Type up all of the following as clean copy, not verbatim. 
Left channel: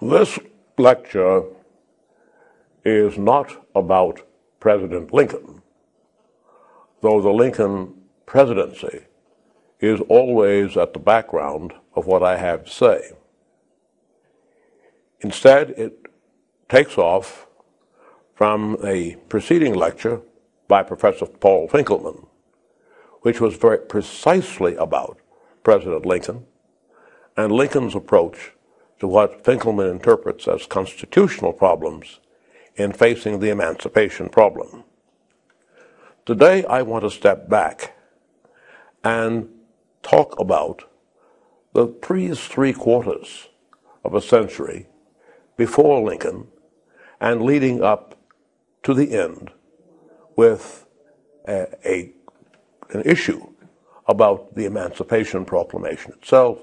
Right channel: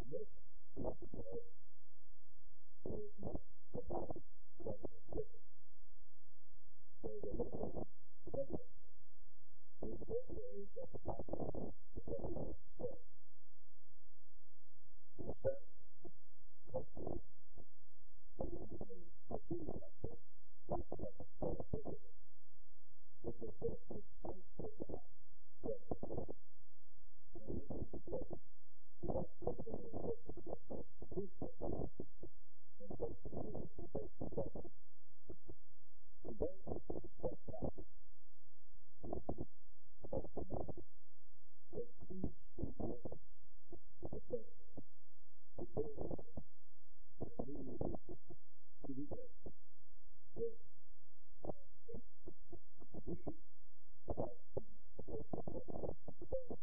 This lecture is not about President Lincoln, though the Lincoln presidency is always at the background of what I have to say. Instead, it takes off from a preceding lecture by Professor Paul Finkelman, which was very precisely about President Lincoln and Lincoln's approach to what Finkelman interprets as constitutional problems in facing the emancipation problem. Today, I want to step back and talk about the three-quarters of a century before Lincoln and leading up to the end with an issue about the Emancipation Proclamation itself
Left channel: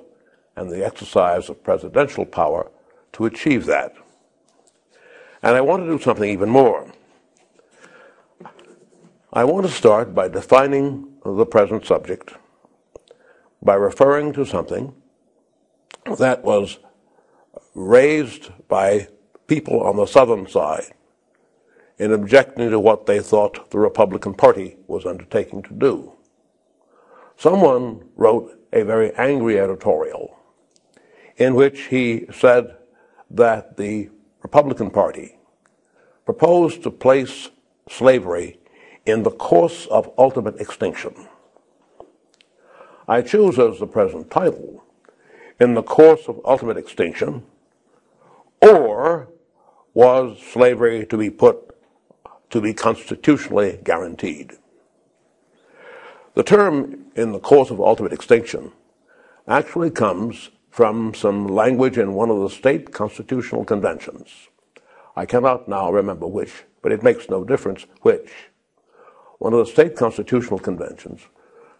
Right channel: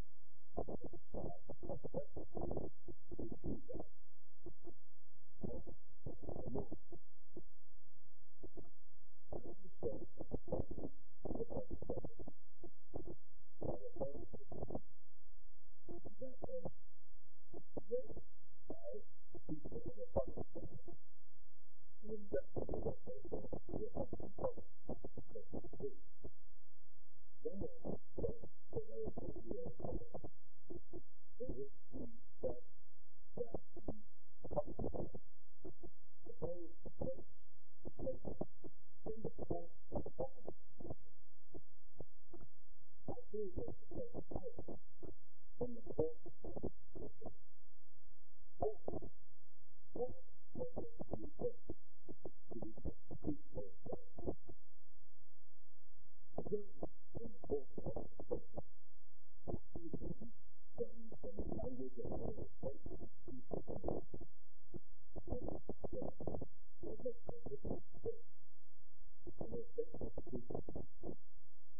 and the exercise of presidential power to achieve that. And I want to do something even more. I want to start by defining the present subject by referring to something that was raised by people on the Southern side in objecting to what they thought the Republican Party was undertaking to do. Someone wrote a very angry editorial in which he said that the Republican Party proposed to place slavery in the course of ultimate extinction. I choose as the present title, in the course of ultimate extinction, or was slavery to be constitutionally guaranteed? The term in the course of ultimate extinction actually comes from some language in one of the state constitutional conventions. I cannot now remember which, but it makes no difference which. One of the state constitutional conventions,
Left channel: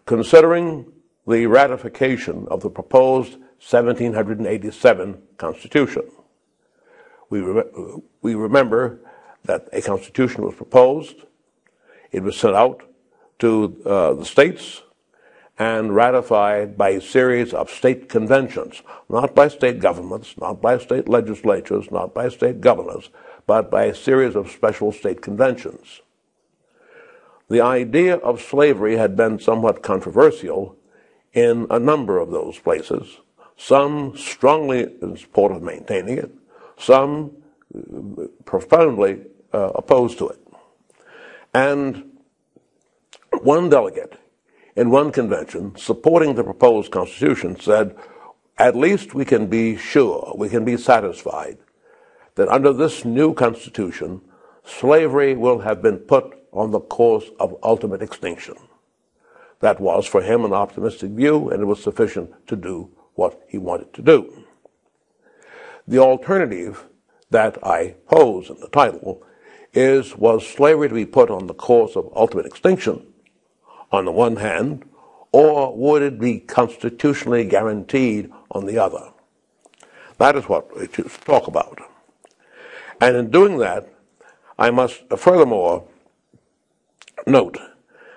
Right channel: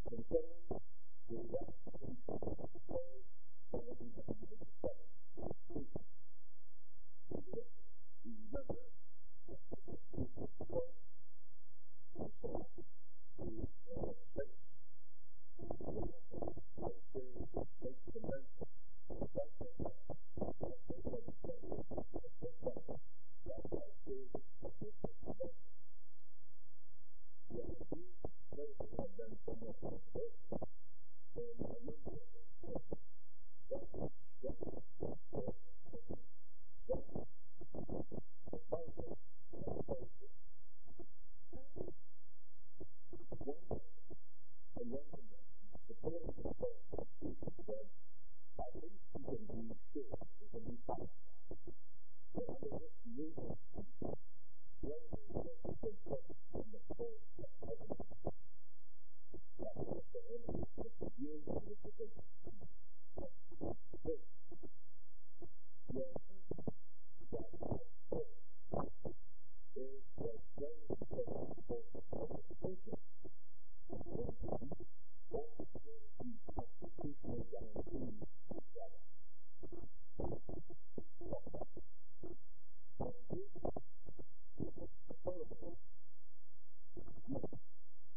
considering the ratification of the proposed 1787 Constitution. We remember that a constitution was proposed, it was sent out to the states and ratified by a series of state conventions, not by state governments, not by state legislatures, not by state governors, but by a series of special state conventions. The idea of slavery had been somewhat controversial in a number of those places, some strongly in support of maintaining it, some profoundly opposed to it. And one delegate in one convention supporting the proposed Constitution said, at least we can be sure, we can be satisfied that under this new Constitution, slavery will have been put on the course of ultimate extinction. That was for him an optimistic view, and it was sufficient to do what he wanted to do. The alternative that I pose in the title is, was slavery to be put on the course of ultimate extinction on the one hand, or would it be constitutionally guaranteed on the other? That is what we choose to talk about. And in doing that, I must furthermore note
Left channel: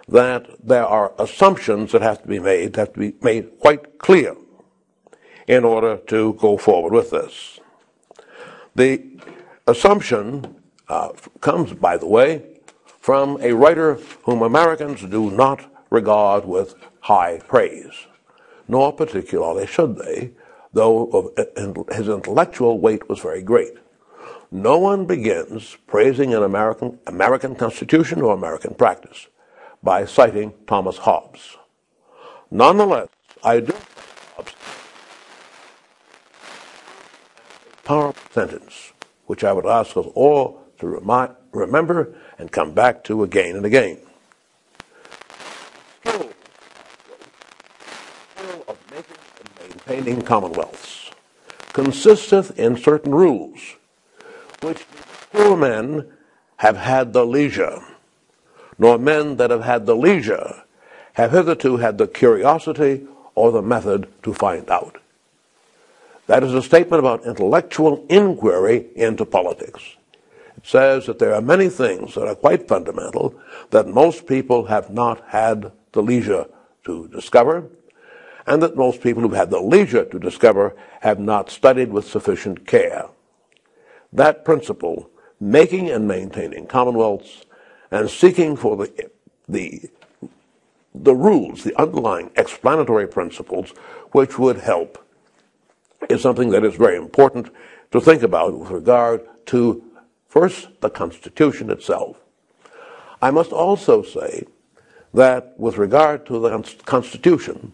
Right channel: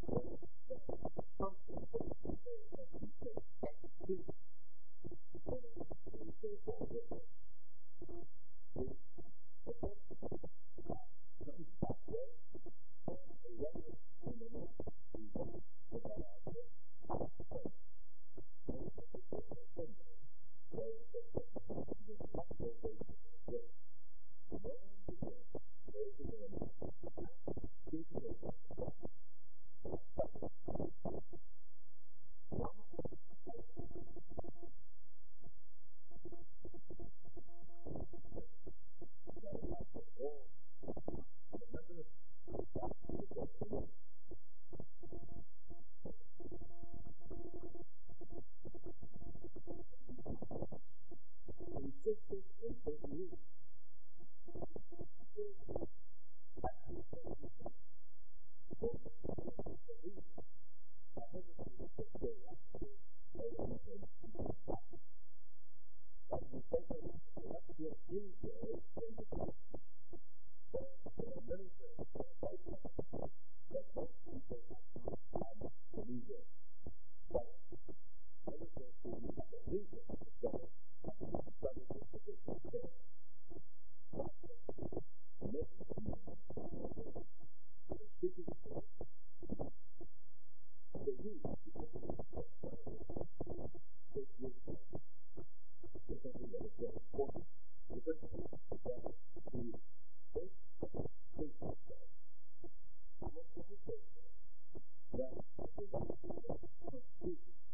that there are assumptions that have to be made quite clear in order to go forward with this. The assumption comes, by the way, from a writer whom Americans do not regard with high praise, nor particularly should they, though his intellectual weight was very great. No one begins praising an American Constitution or American practice by citing Thomas Hobbes. Nonetheless, I do Hobbes a powerful sentence, which I would ask us all to remember and come back to again and again. Skill of making and maintaining commonwealths consisteth in certain rules, which poor men have had the leisure, nor men that have had the leisure have hitherto had the curiosity or the method to find out. That is a statement about intellectual inquiry into politics. It says that there are many things that are quite fundamental that most people have not had the leisure to discover, and that most people who've had the leisure to discover have not studied with sufficient care. that principle, making and maintaining commonwealths and seeking for the rules, the underlying explanatory principles which would help, is something that is very important to think about with regard to, first, the Constitution itself. I must also say that with regard to the Constitution,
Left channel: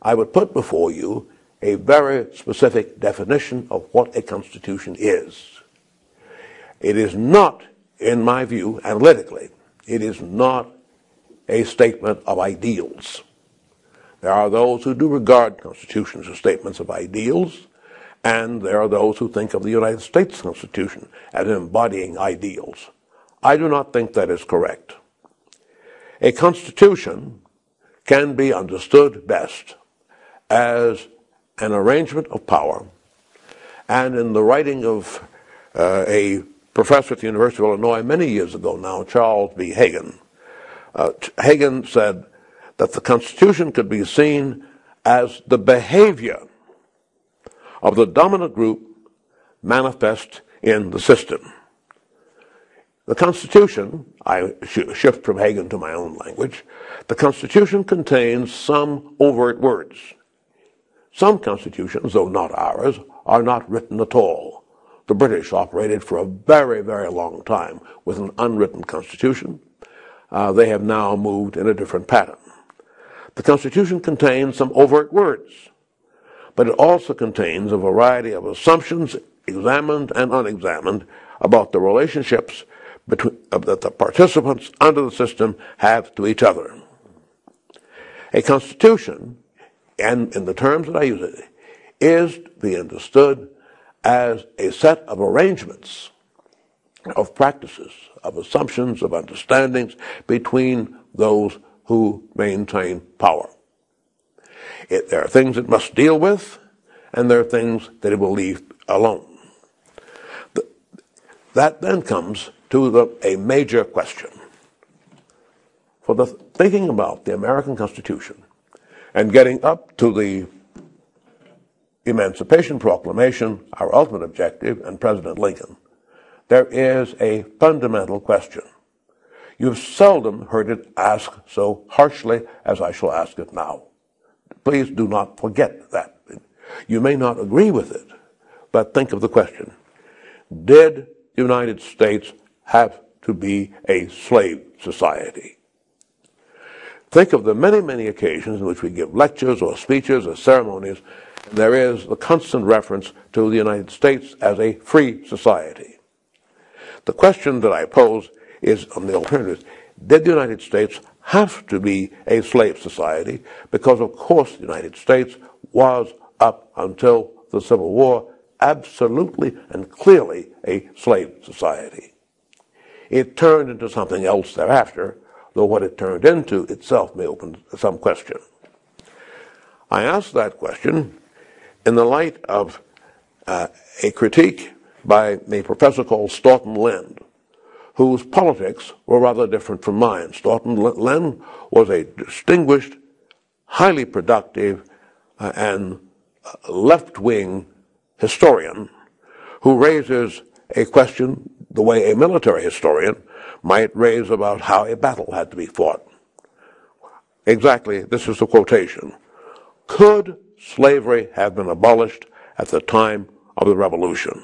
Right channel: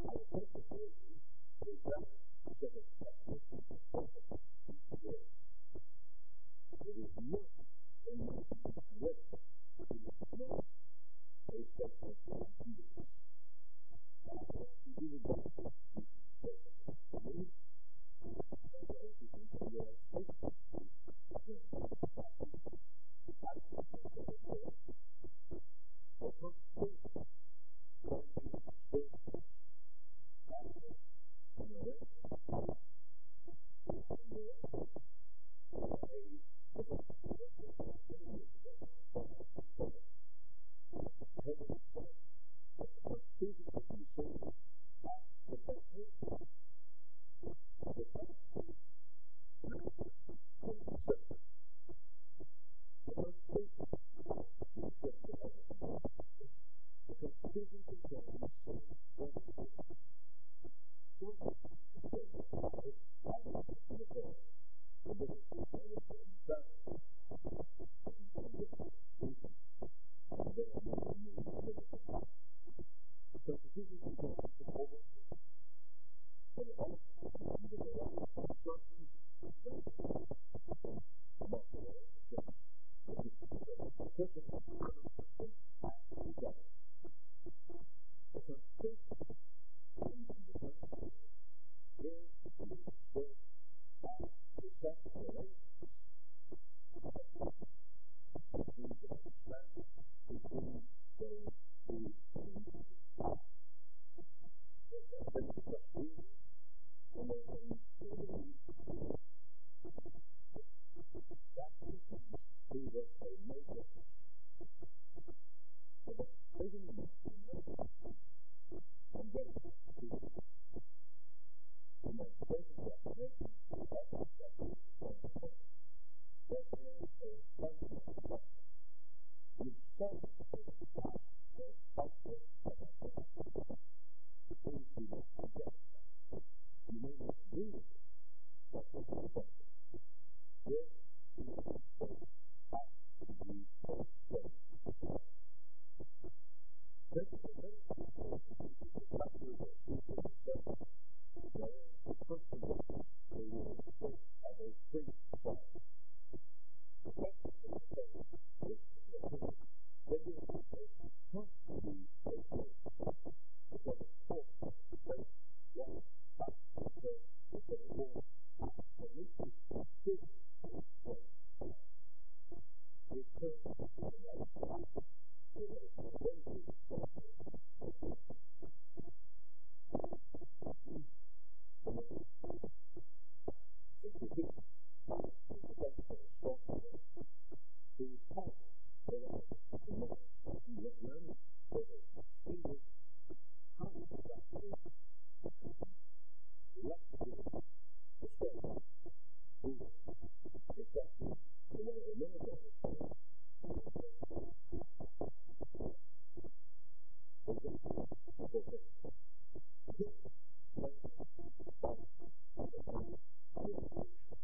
I would put before you a very specific definition of what a Constitution is. It is not, in my view, analytically, it is not a statement of ideals. There are those who do regard constitutions as statements of ideals, and there are those who think of the United States Constitution as embodying ideals. I do not think that is correct. A constitution can be understood best as an arrangement of power, and in the writing of a professor at the University of Illinois many years ago now, Charles B. Hagan, Hagan said that the Constitution could be seen as the behavior of the dominant group manifest in the system. The Constitution, I shift from Hagan to my own language, the Constitution contains some overt words. Some constitutions, though not ours, are not written at all. The British operated for a very, very long time with an unwritten constitution. They have now moved in a different pattern. The Constitution contains some overt words, but it also contains a variety of assumptions, examined and unexamined, about the relationships that the participants under the system have to each other. A constitution, and in the terms that I use it, is to be understood as a set of arrangements, of practices, of assumptions, of understandings between those who maintain power. There are things it must deal with, and there are things that it will leave alone. That then comes to a major question. For the thinking about the American Constitution and getting up to the Emancipation Proclamation, our ultimate objective, and President Lincoln, there is a fundamental question. You've seldom heard it asked so harshly as I shall ask it now. Please do not forget that. You may not agree with it, but think of the question. Did the United States have to be a slave society? Think of the many, many occasions in which we give lectures or speeches or ceremonies. There is the constant reference to the United States as a free society. The question that I pose is on the alternatives. Did the United States have to be a slave society? Because, of course, the United States was, up until the Civil War, absolutely and clearly a slave society. It turned into something else thereafter, though what it turned into itself may open some question. I ask that question in the light of a critique by a professor called Stoughton Lend, whose politics were rather different from mine. Stoughton Lend was a distinguished, highly productive, and left-wing historian who raises a question the way a military historian might raise about how a battle had to be fought. Exactly, this is the quotation. Could slavery have been abolished at the time of the Revolution?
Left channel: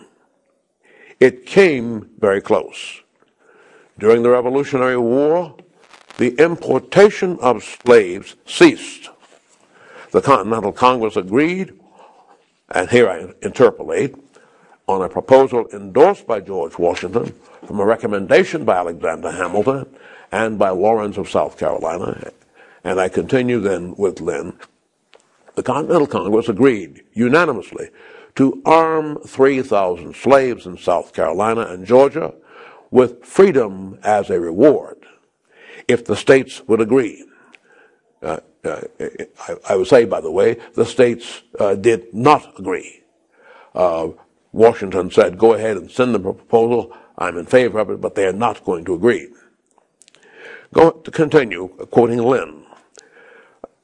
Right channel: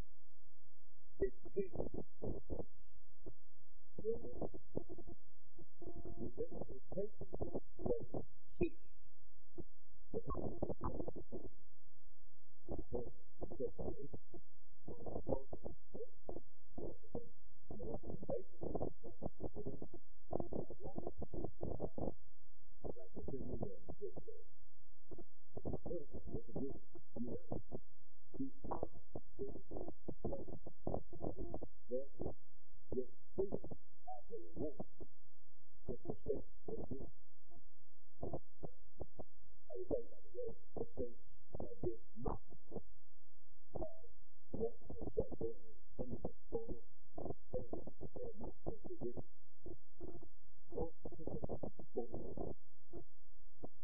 It came very close. During the Revolutionary War, the importation of slaves ceased. The Continental Congress agreed, and here I interpolate, on a proposal endorsed by George Washington from a recommendation by Alexander Hamilton and by Lawrence of South Carolina, and I continue then with Lynn. The Continental Congress agreed unanimously to arm 3,000 slaves in South Carolina and Georgia with freedom as a reward if the states would agree. I would say, by the way, the states did not agree. Washington said, go ahead and send them a proposal. I'm in favor of it, but they are not going to agree. To continue, quoting Lynn,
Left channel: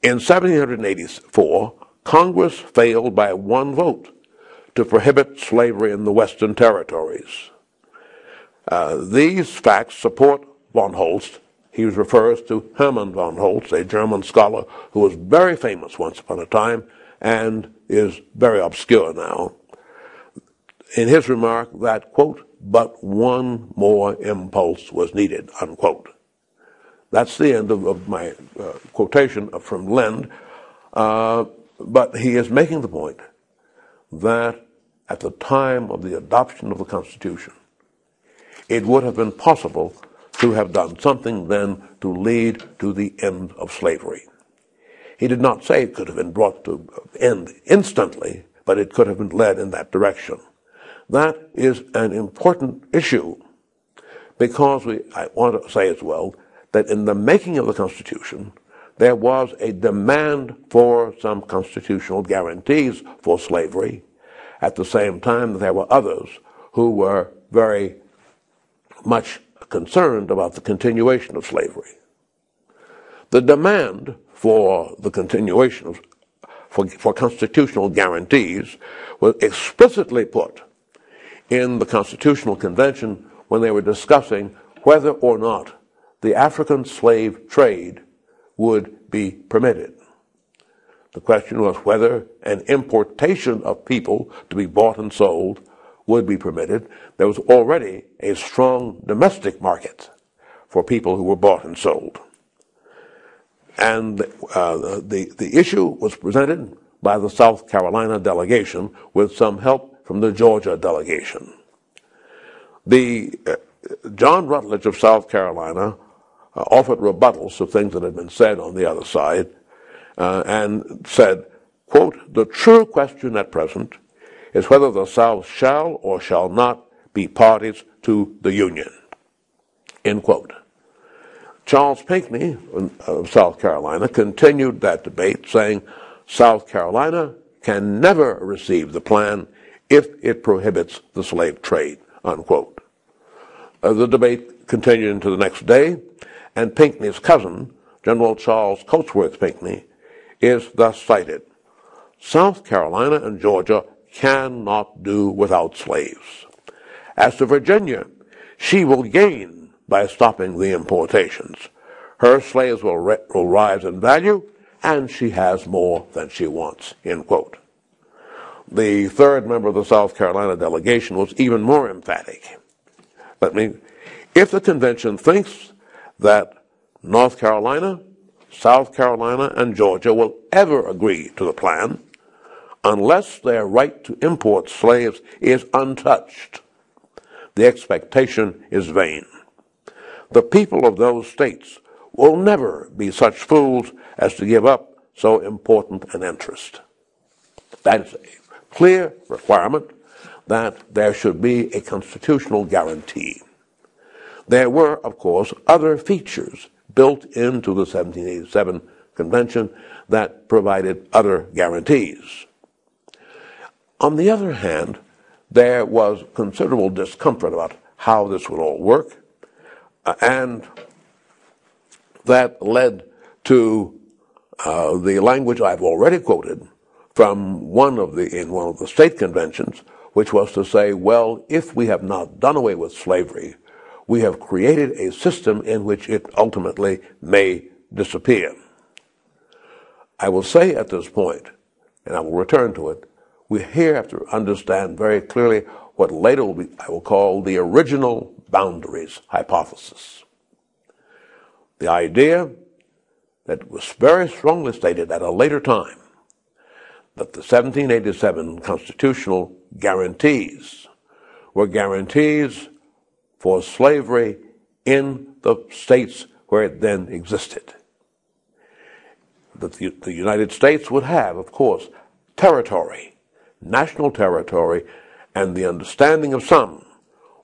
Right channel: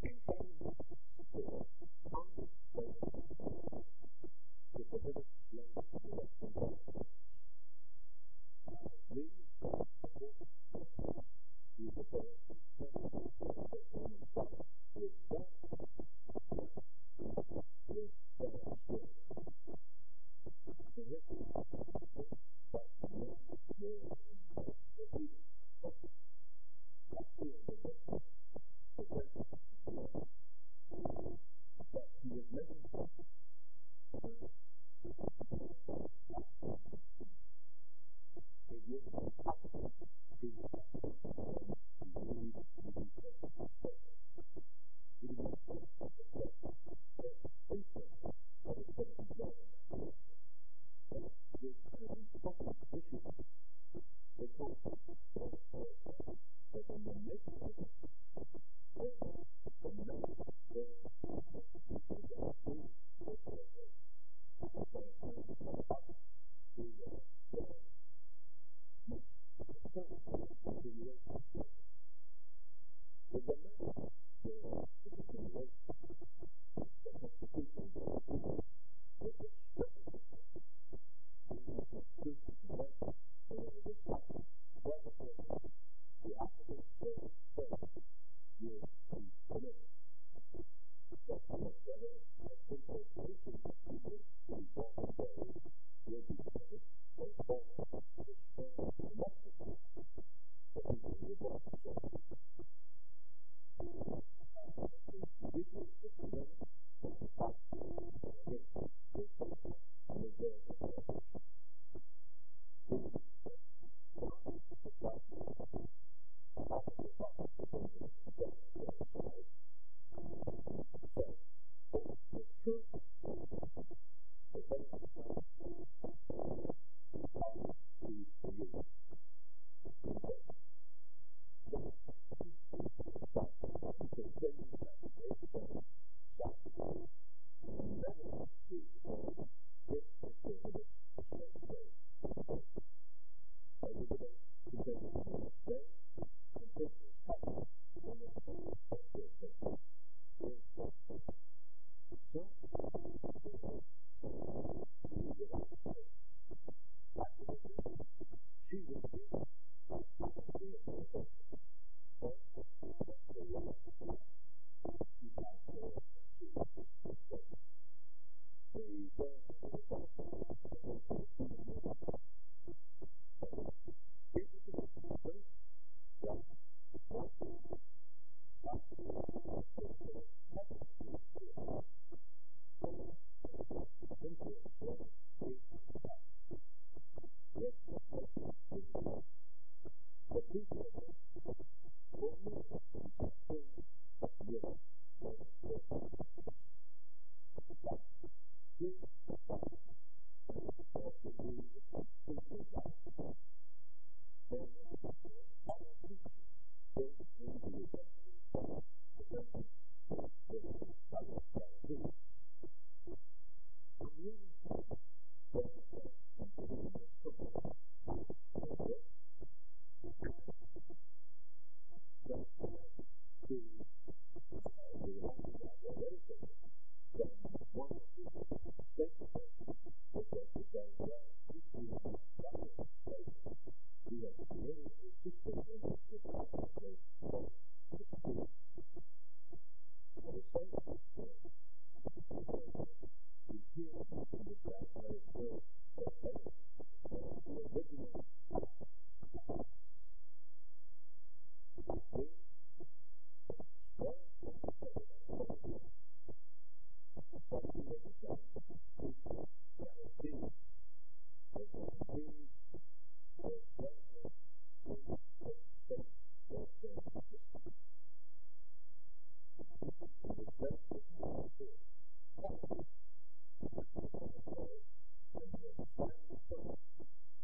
in 1784, Congress failed by one vote to prohibit slavery in the Western territories. These facts support von Holst. He refers to Hermann von Holst, a German scholar who was very famous once upon a time and is very obscure now, in his remark that, quote, but one more impulse was needed, unquote. That's the end of my quotation from Lind, but he is making the point that at the time of the adoption of the Constitution, it would have been possible to have done something then to lead to the end of slavery. He did not say it could have been brought to end instantly, but it could have been led in that direction. That is an important issue because I want to say as well that in the making of the Constitution, there was a demand for some constitutional guarantees for slavery. At the same time, there were others who were very much concerned about the continuation of slavery. The demand for the continuation of for constitutional guarantees was explicitly put in the Constitutional Convention when they were discussing whether or not the African slave trade would be permitted. The question was whether an importation of people to be bought and sold would be permitted. There was already a strong domestic market for people who were bought and sold. And the issue was presented by the South Carolina delegation with some help from the Georgia delegation. John Rutledge of South Carolina offered rebuttals to things that had been said on the other side and said, quote, the true question at present is whether the South shall or shall not be parties to the Union, end quote. Charles Pinckney of South Carolina continued that debate, saying South Carolina can never receive the plan if it prohibits the slave trade, unquote. The debate continued into the next day, and Pinckney's cousin, General Charles Cotesworth Pinckney, is thus cited. South Carolina and Georgia cannot do without slaves. As to Virginia, she will gain by stopping the importations. Her slaves will rise in value, and she has more than she wants, end quote. The third member of the South Carolina delegation was even more emphatic. If the convention thinks that North Carolina, South Carolina, and Georgia will ever agree to the plan, unless their right to import slaves is untouched, the expectation is vain. The people of those states will never be such fools as to give up so important an interest. That is a clear requirement that there should be a constitutional guarantee. There were, of course, other features built into the 1787 Convention that provided other guarantees. On the other hand, there was considerable discomfort about how this would all work, and that led to the language I've already quoted from one of the state conventions, which was to say, well, if we have not done away with slavery, we have created a system in which it ultimately may disappear. I will say at this point, and I will return to it, we here have to understand very clearly what later I will call the original boundaries hypothesis. The idea that was very strongly stated at a later time that the 1787 constitutional guarantees were guarantees for slavery in the states where it then existed. That the United States would have, of course, territory, national territory, and the understanding of some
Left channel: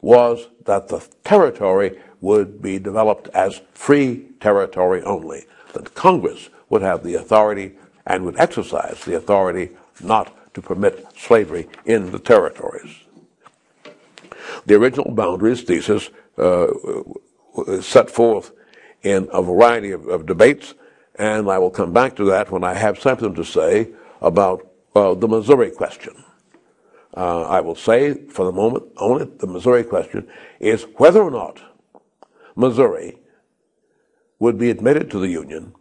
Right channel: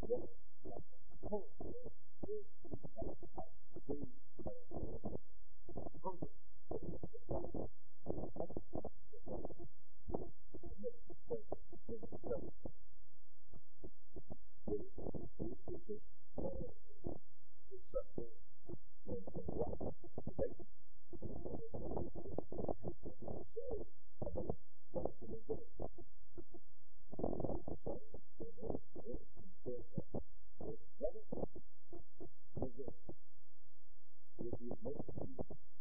was that the territory would be developed as free territory only, that Congress would have the authority and would exercise the authority not to permit slavery in the territories. The original boundaries thesis set forth in a variety of debates, and I will come back to that when I have something to say about the Missouri question. I will say for the moment only the Missouri question is whether or not Missouri would be admitted to the Union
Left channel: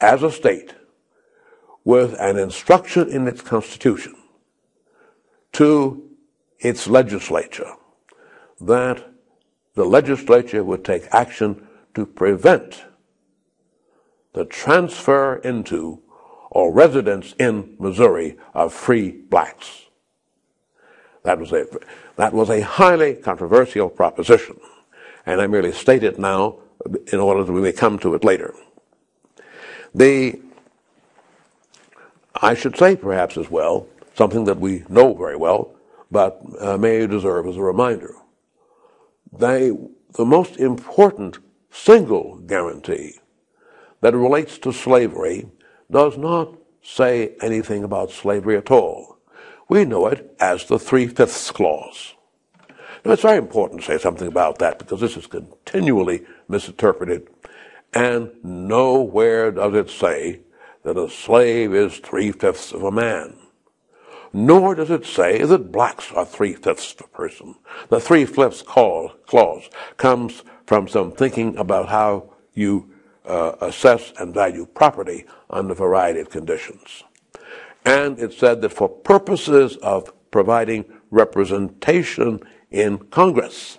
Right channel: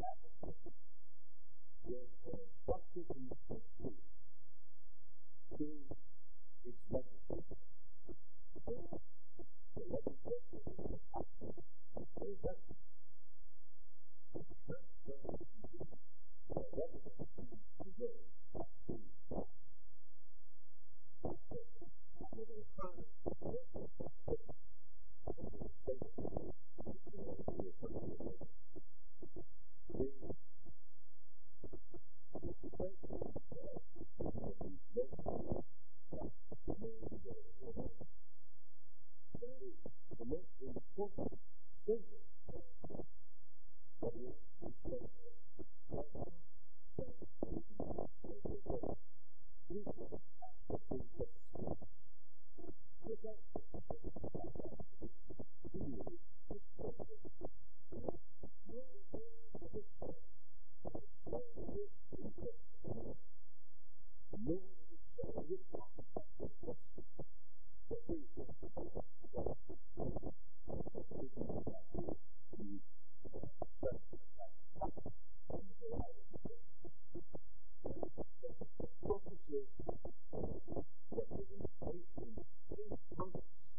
as a state with an instruction in its Constitution to its legislature that the legislature would take action to prevent the transfer into or residence in Missouri of free blacks. That was a highly controversial proposition, and I merely state it now in order that we may come to it later. I should say perhaps as well, something that we know very well, but may deserve as a reminder. The most important single guarantee that relates to slavery does not say anything about slavery at all. We know it as the Three-Fifths Clause. Now, it's very important to say something about that because this is continually misinterpreted, and nowhere does it say that a slave is three-fifths of a man. Nor does it say that blacks are three-fifths of a person. The Three-Fifths Clause comes from some thinking about how you assess and value property under a variety of conditions. And it said that for purposes of providing representation in Congress,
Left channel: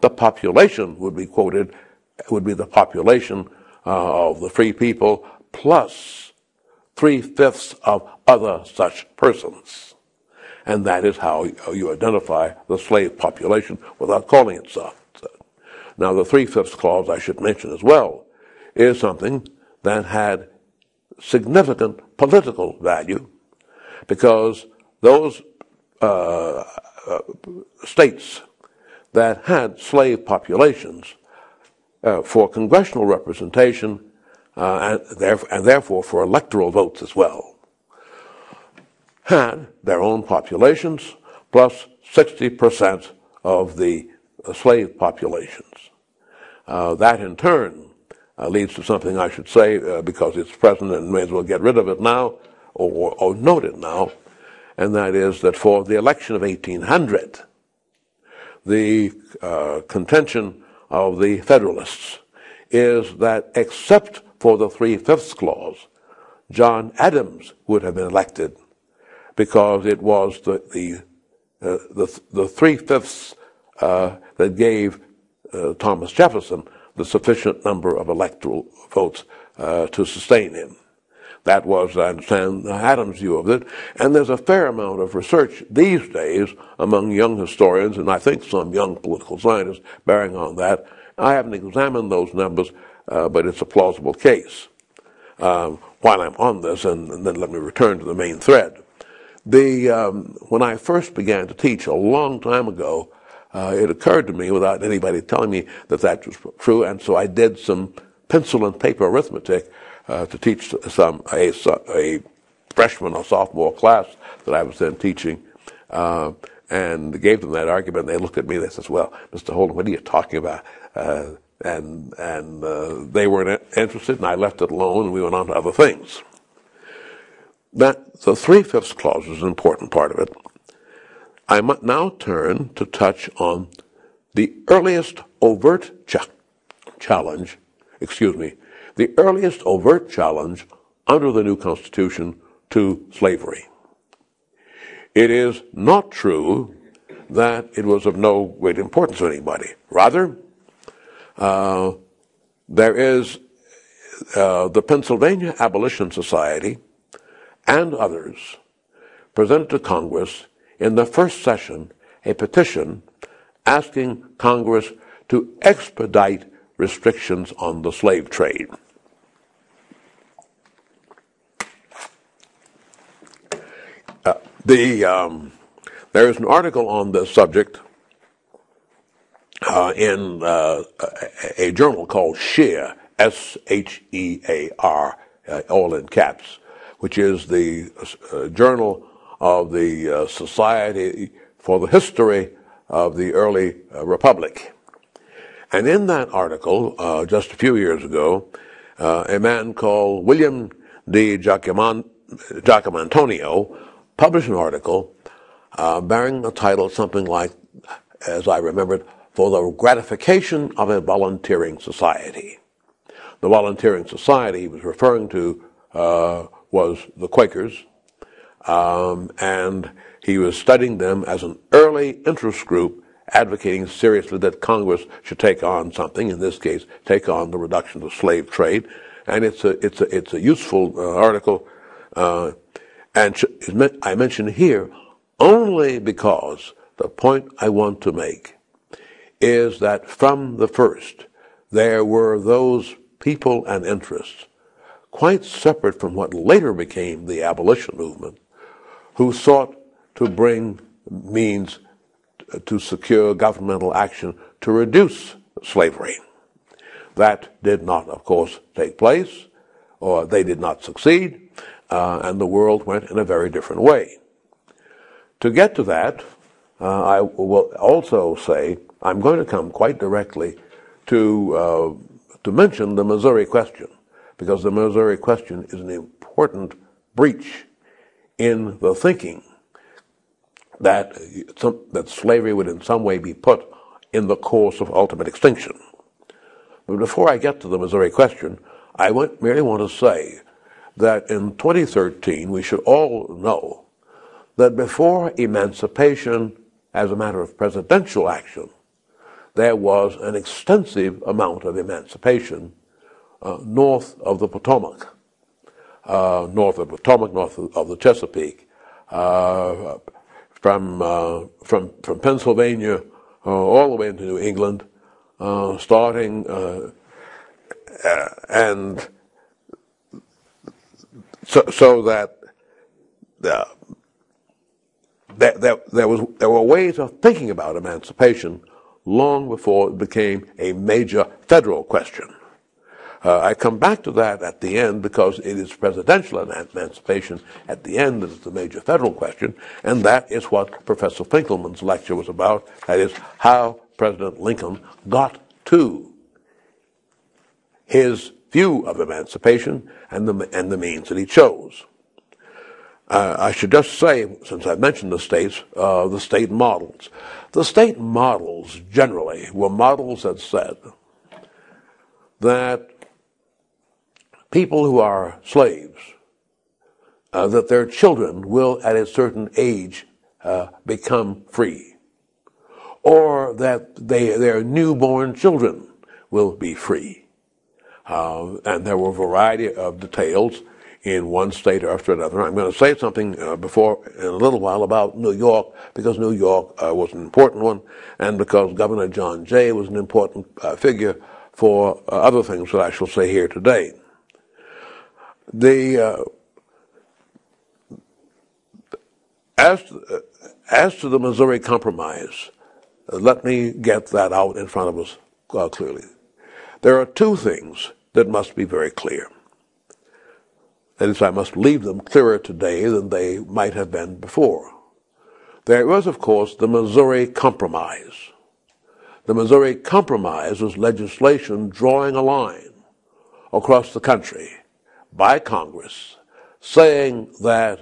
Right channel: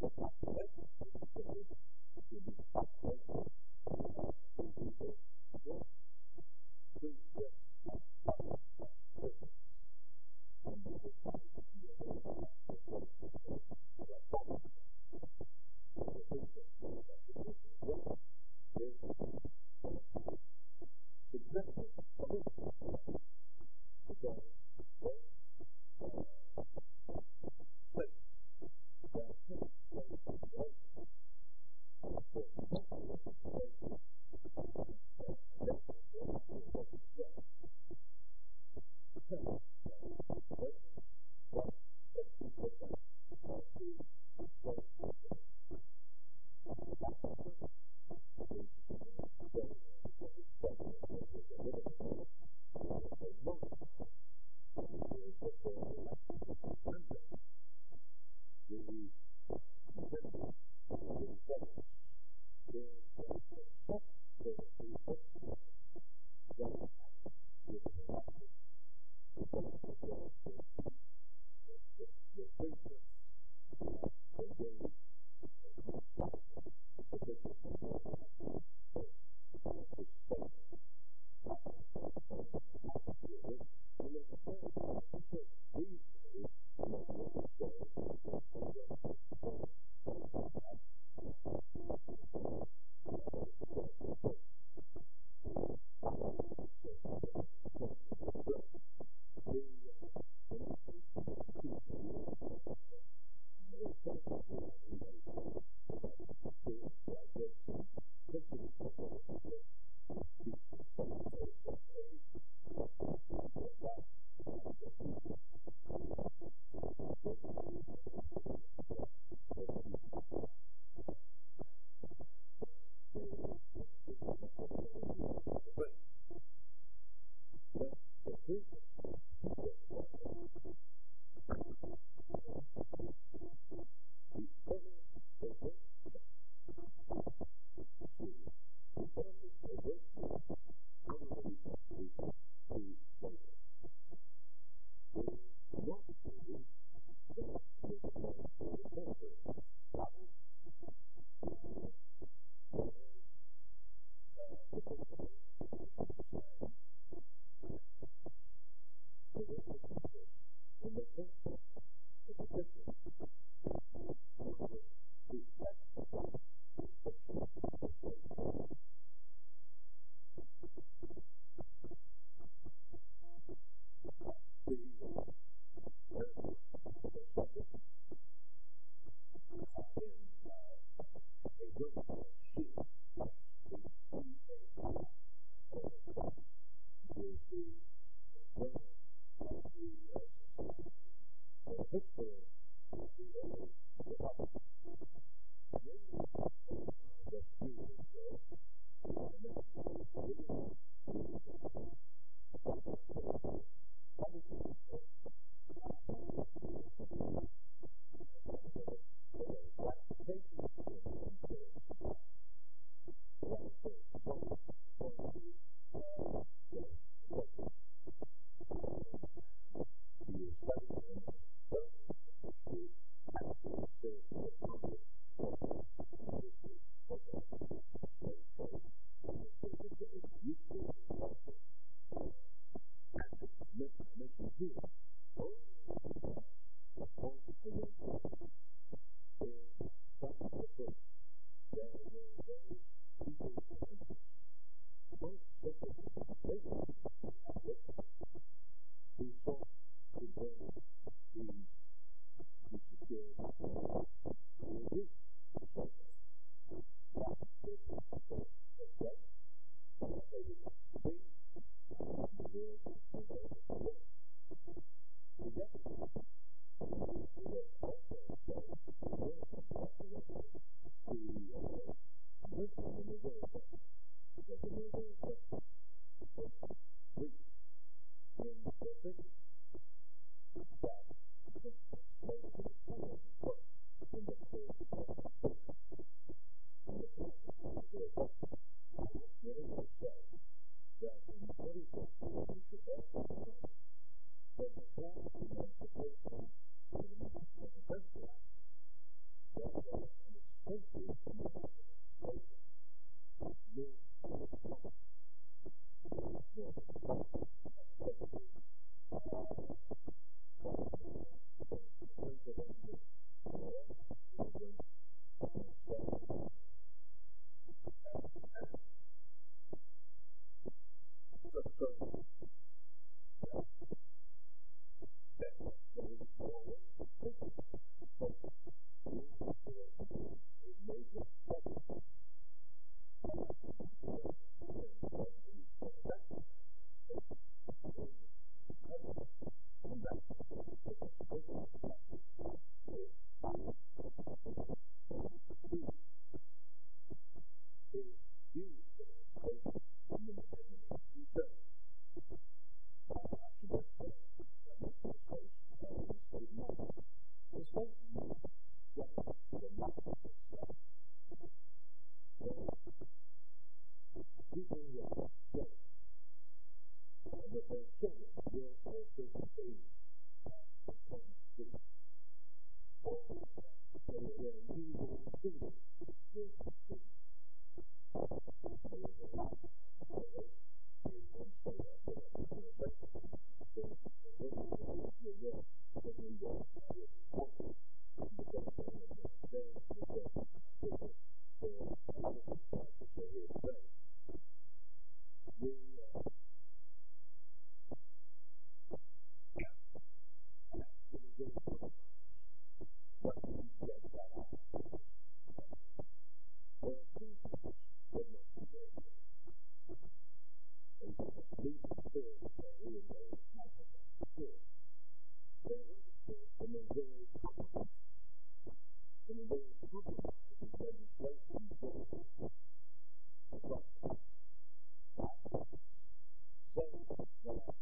the population would be quoted, would be the population of the free people plus three-fifths of other such persons. And that is how you identify the slave population without calling it so. Now, the Three-Fifths Clause, I should mention as well, is something that had significant political value because those states that had slave populations for congressional representation and therefore for electoral votes as well, had their own populations plus 60% of the slave populations. That in turn leads to something I should say because it's present and may as well get rid of it now or note it now, and that is that for the election of 1800, the contention of the Federalists is that except for the Three-Fifths Clause, John Adams would have been elected because it was the three-fifths that gave Thomas Jefferson the sufficient number of electoral votes to sustain him. That was, I understand, Adams' view of it. And there's a fair amount of research these days among young historians, and I think some young political scientists bearing on that. I haven't examined those numbers, but it's a plausible case. While I'm on this, and then let me return to the main thread. When I first began to teach a long time ago, it occurred to me without anybody telling me that that was true, and so I did some pencil and paper arithmetic to teach a freshman or sophomore class that I was then teaching, and gave them that argument. And they looked at me and they said, "Well, Mr. Holden, what are you talking about?" And they weren't interested, and I left it alone, and we went on to other things. That the Three-Fifths Clause is an important part of it. I might now turn to touch on the earliest overt challenge, the earliest overt challenge under the new Constitution to slavery. It is not true that it was of no great importance to anybody. Rather, there is the Pennsylvania Abolition Society and others presented to Congress in the first session a petition asking Congress to expedite restrictions on the slave trade. There is an article on this subject in a journal called SHEAR, S-H-E-A-R, all in caps, which is the journal of the Society for the History of the Early Republic. And in that article, just a few years ago, a man called William D. Giacomantonio published an article bearing a title something like, as I remembered, For the Gratification of a Volunteering Society. The volunteering society he was referring to was the Quakers, and he was studying them as an early interest group advocating seriously that Congress should take on something, in this case, take on the reduction of the slave trade. And it's a useful article, and I mention here only because the point I want to make is that from the first there were those people and interests quite separate from what later became the abolition movement who sought to bring means to secure governmental action to reduce slavery. That did not, of course, take place, or they did not succeed, and the world went in a very different way. To get to that, I will also say I'm going to come quite directly to mention the Missouri question, because the Missouri question is an important breach in the thinking that slavery would in some way be put in the course of ultimate extinction. But before I get to the Missouri question, I merely want to say that in 2013 we should all know that before emancipation as a matter of presidential action, there was an extensive amount of emancipation north of the Potomac, north of the Chesapeake, from Pennsylvania all the way into New England, starting and so that there were ways of thinking about emancipation long before it became a major federal question. I come back to that at the end because it is presidential emancipation at the end that is the major federal question, and that is what Professor Finkelman's lecture was about. That is how President Lincoln got to his view of emancipation and the means that he chose. I should just say, since I mentioned the states, the state models. The state models generally were models that said that people who are slaves, that their children will at a certain age become free, or that their newborn children will be free. And there were a variety of details in one state after another. I'm going to say something in a little while about New York, because New York was an important one, and because Governor John Jay was an important figure for other things that I shall say here today. As to the Missouri Compromise, let me get that out in front of us clearly. There are two things that must be very clear. That is, I must leave them clearer today than they might have been before. There was, of course, the Missouri Compromise. The Missouri Compromise was legislation drawing a line across the country by Congress saying that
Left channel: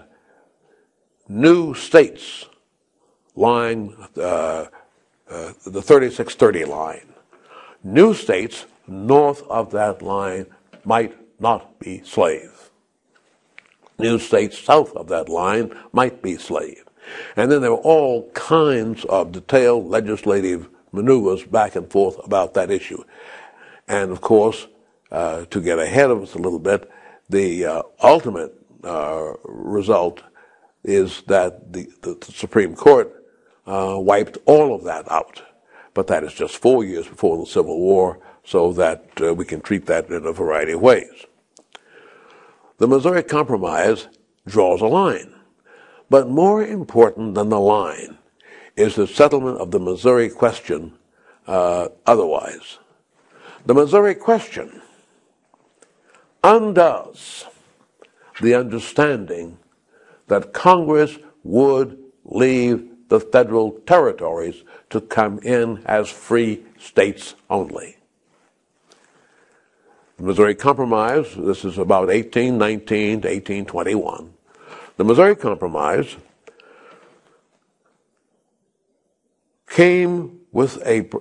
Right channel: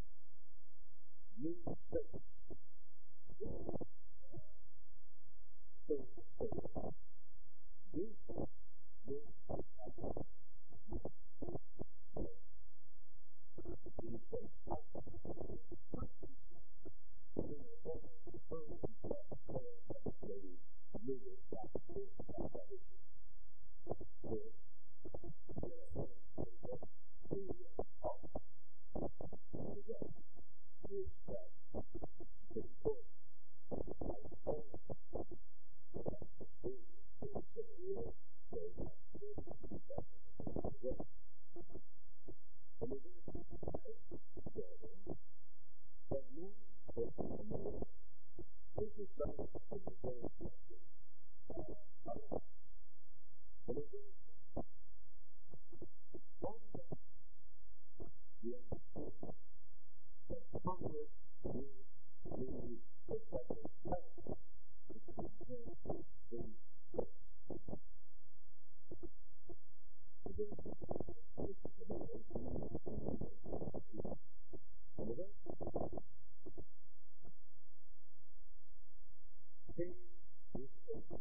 new states lying the 3630 line, new states north of that line might not be slave. New states south of that line might be slave. And then there were all kinds of detailed legislative maneuvers back and forth about that issue. And of course, to get ahead of us a little bit, the ultimate result is that the Supreme Court wiped all of that out. But that is just 4 years before the Civil War, so that we can treat that in a variety of ways. The Missouri Compromise draws a line. But more important than the line is the settlement of the Missouri question otherwise. The Missouri question undoes the understanding that Congress would leave the federal territories to come in as free states only. The Missouri Compromise, this is about 1819 to 1821. The Missouri Compromise came with and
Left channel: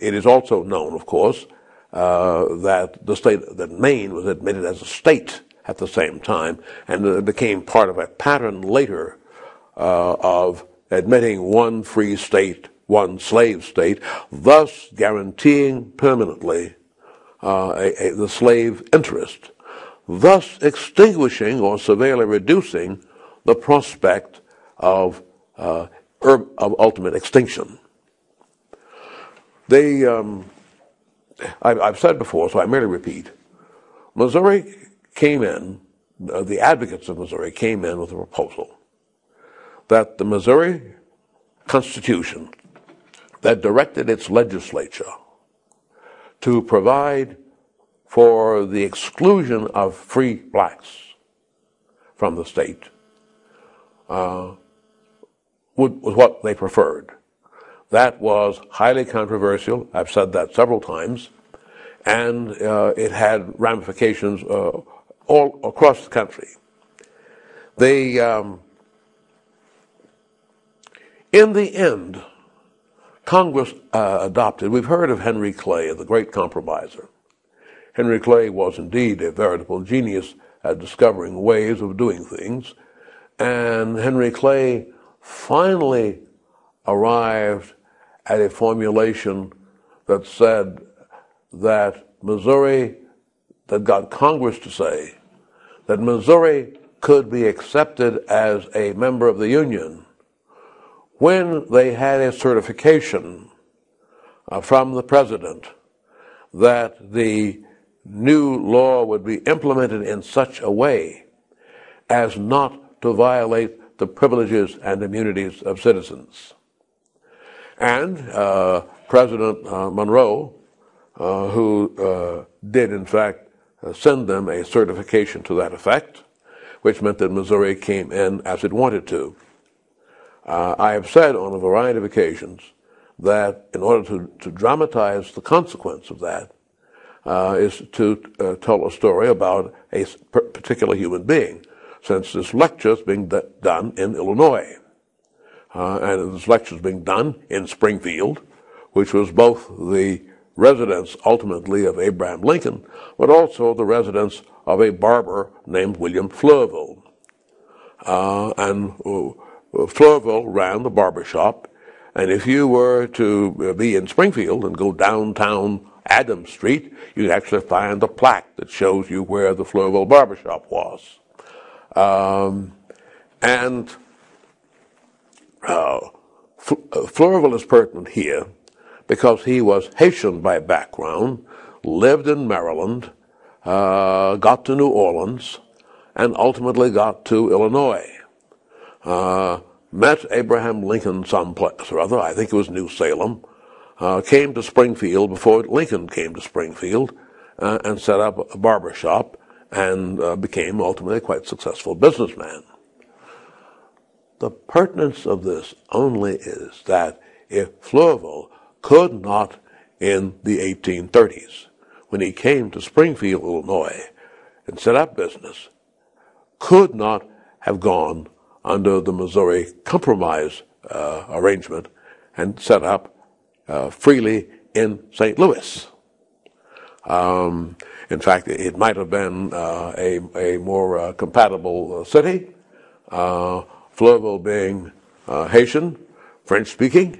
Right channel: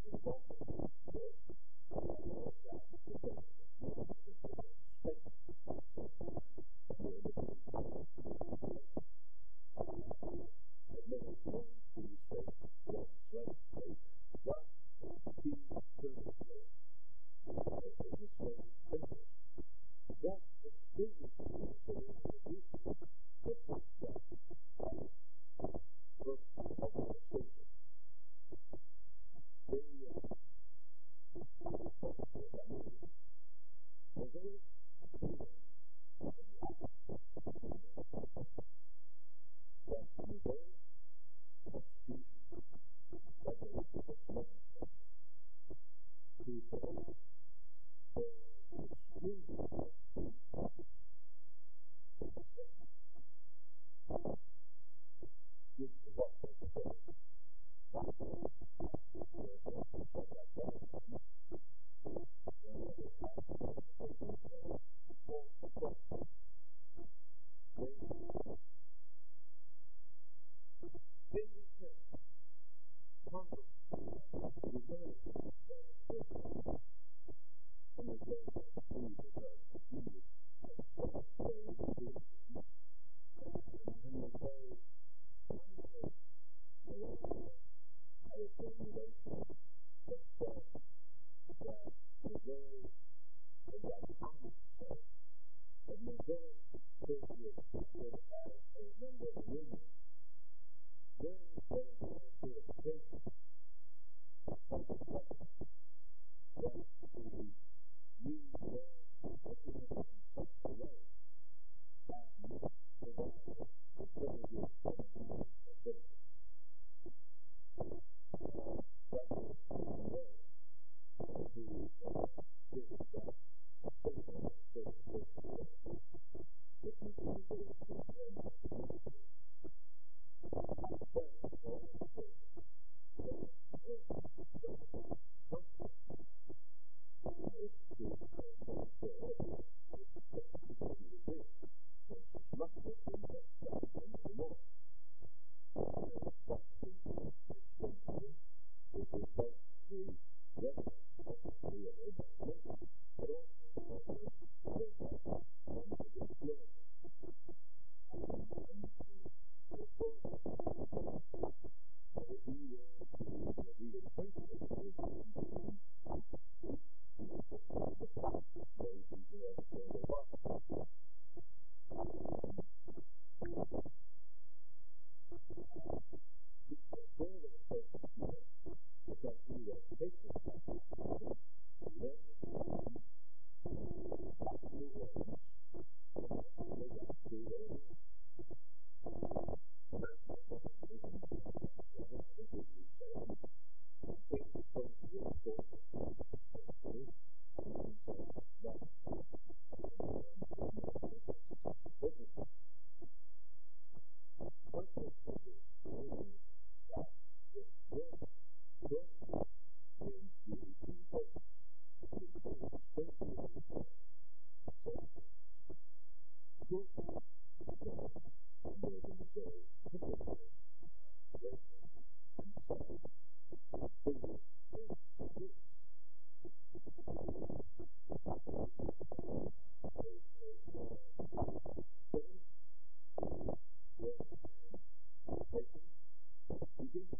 it is also known, of course, that Maine was admitted as a state at the same time, and it became part of a pattern later of admitting one free state, one slave state, thus guaranteeing permanently the slave interest, thus extinguishing or severely reducing the prospect of ultimate extinction. I've said before, so I merely repeat, Missouri came in, the advocates of Missouri came in with a proposal that the Missouri Constitution, that directed its legislature to provide for the exclusion of free blacks from the state, was what they preferred. That was highly controversial. I've said that several times, and it had ramifications all across the country. In the end, Congress adopted, we've heard of Henry Clay, the great compromiser. Henry Clay was indeed a veritable genius at discovering ways of doing things, and Henry Clay finally arrived at a formulation that said that Missouri, that got Congress to say that Missouri could be accepted as a member of the Union when they had a certification from the President that the new law would be implemented in such a way as not to violate the privileges and immunities of citizens. And President Monroe, who did in fact send them a certification to that effect, which meant that Missouri came in as it wanted to. I have said on a variety of occasions that in order to dramatize the consequence of that is to tell a story about a particular human being, since this lecture is being done in Illinois. And this lecture is being done in Springfield, which was both the residence ultimately of Abraham Lincoln, but also the residence of a barber named William Fleurville. And Fleurville ran the barber shop, and if you were to be in Springfield and go downtown Adams Street, you'd actually find a plaque that shows you where the Fleurville barber shop was. Fleurville is pertinent here because he was Haitian by background, lived in Maryland, got to New Orleans, and ultimately got to Illinois. Met Abraham Lincoln someplace or other, I think it was New Salem, came to Springfield before Lincoln came to Springfield, and set up a barber shop, and became ultimately a quite successful businessman. The pertinence of this only is that if Fleurville could not, in the 1830s, when he came to Springfield, Illinois, and set up business, could not have gone under the Missouri Compromise arrangement and set up freely in St. Louis. In fact, it might have been a more compatible city, Fleurville being Haitian, French-speaking,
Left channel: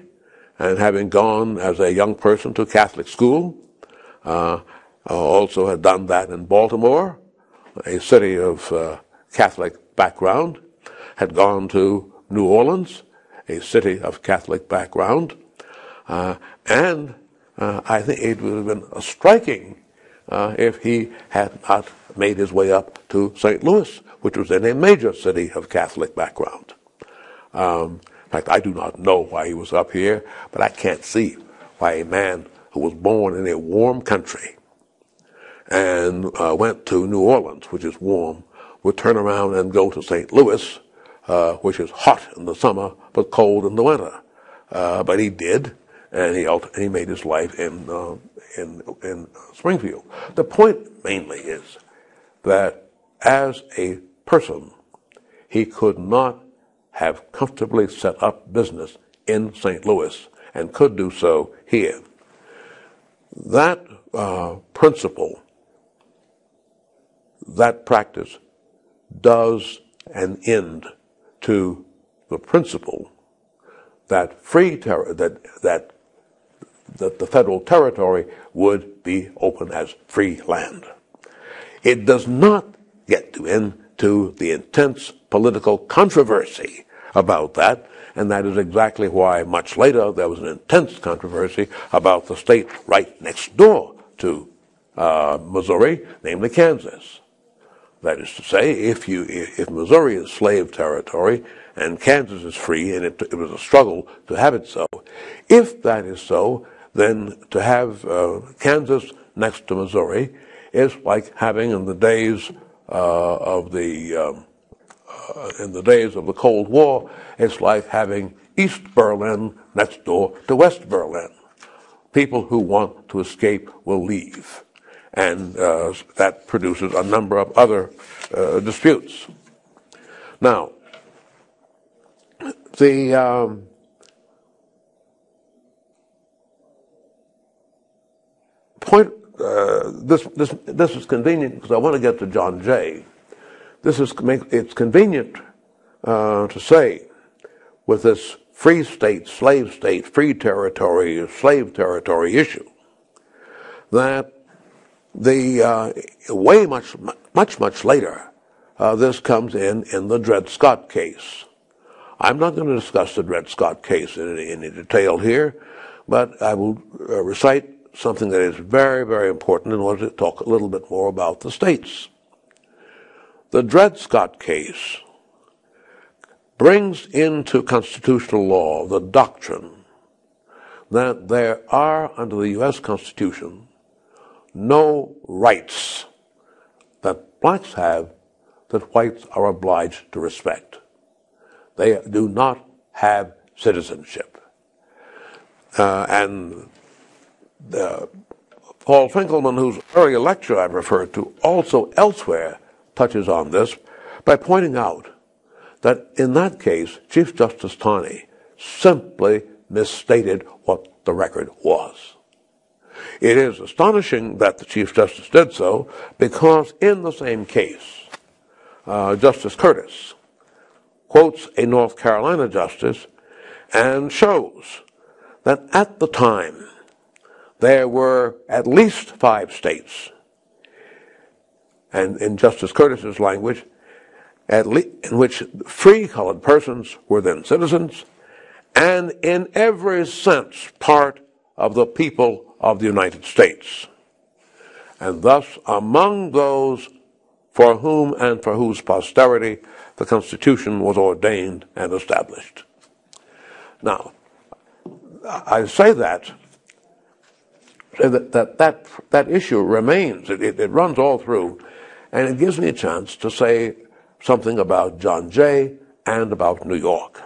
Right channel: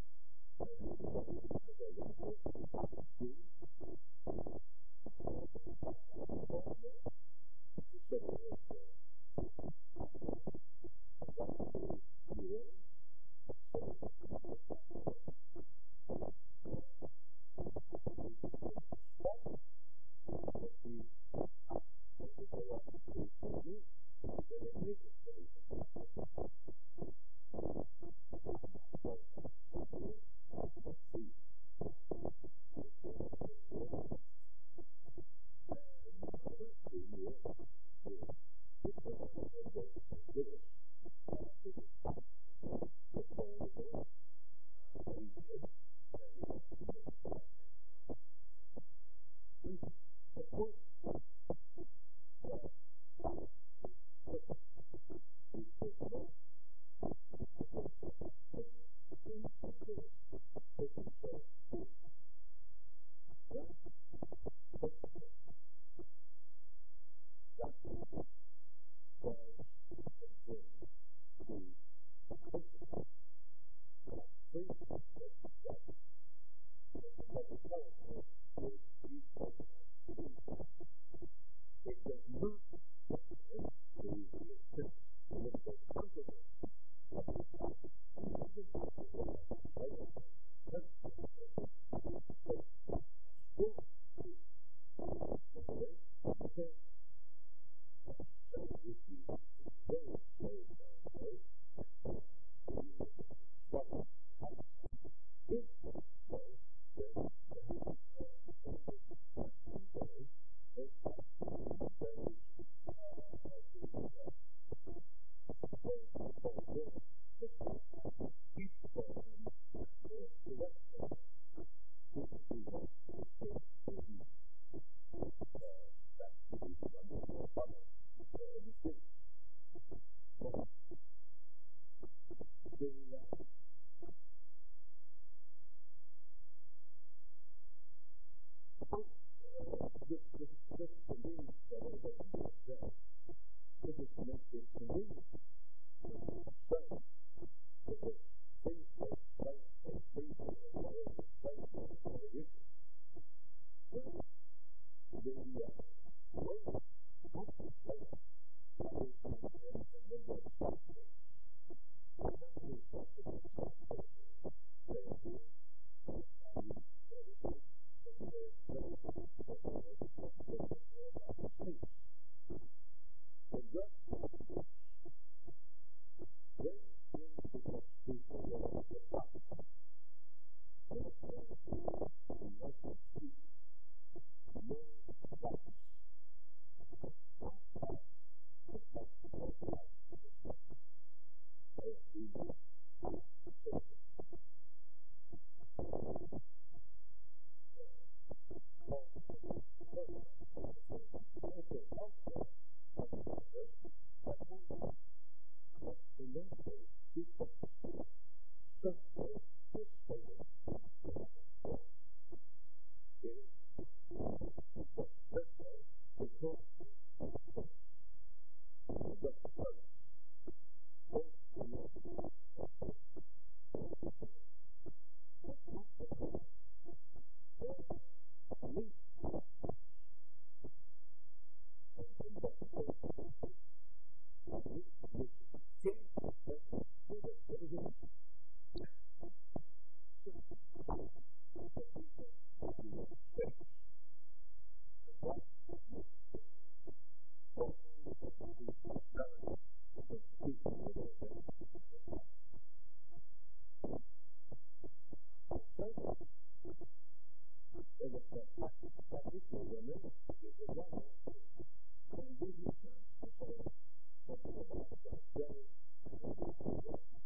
and having gone as a young person to Catholic school. Also had done that in Baltimore, a city of Catholic background, had gone to New Orleans, a city of Catholic background, and I think it would have been striking if he had not made his way up to St. Louis, which was in a major city of Catholic background. In fact, I do not know why he was up here, but I can't see why a man who was born in a warm country and went to New Orleans, which is warm, would turn around and go to St. Louis, which is hot in the summer but cold in the winter. But he did, and he made his life in Springfield. The point mainly is that as a person, he could not have comfortably set up business in St. Louis and could do so here. That principle, that practice, does an end to the principle that that the federal territory would be open as free land. It does not get into the intense political controversy about that, and that is exactly why much later there was an intense controversy about the state right next door to Missouri, namely Kansas. That is to say, if Missouri is slave territory and Kansas is free, and it was a struggle to have it so, if that is so, then to have Kansas next to Missouri is like having in the days of the Cold War, it's like having East Berlin next door to West Berlin. People who want to escape will leave, and that produces a number of other disputes. Now, the point. This is convenient because I want to get to John Jay. It's convenient to say with this free state, free territory, slave territory issue that the way much later this comes in the Dred Scott case. I'm not going to discuss the Dred Scott case in any detail here, but I will recite something that is very, very important in order to talk a little bit more about the states. The Dred Scott case brings into constitutional law the doctrine that there are, under the U.S. Constitution, no rights that blacks have that whites are obliged to respect. They do not have citizenship. Paul Finkelman, whose earlier lecture I've referred to, also elsewhere touches on this by pointing out that in that case, Chief Justice Taney simply misstated what the record was. It is astonishing that the Chief Justice did so because in the same case, Justice Curtis quotes a North Carolina justice and shows that at the time there were at least 5 states, and in Justice Curtis's language, in which free colored persons were then citizens, and in every sense part of the people of the United States, and thus among those for whom and for whose posterity the Constitution was ordained and established. Now, I say that issue remains. It runs all through, and it gives me a chance to say something about John Jay and about New York.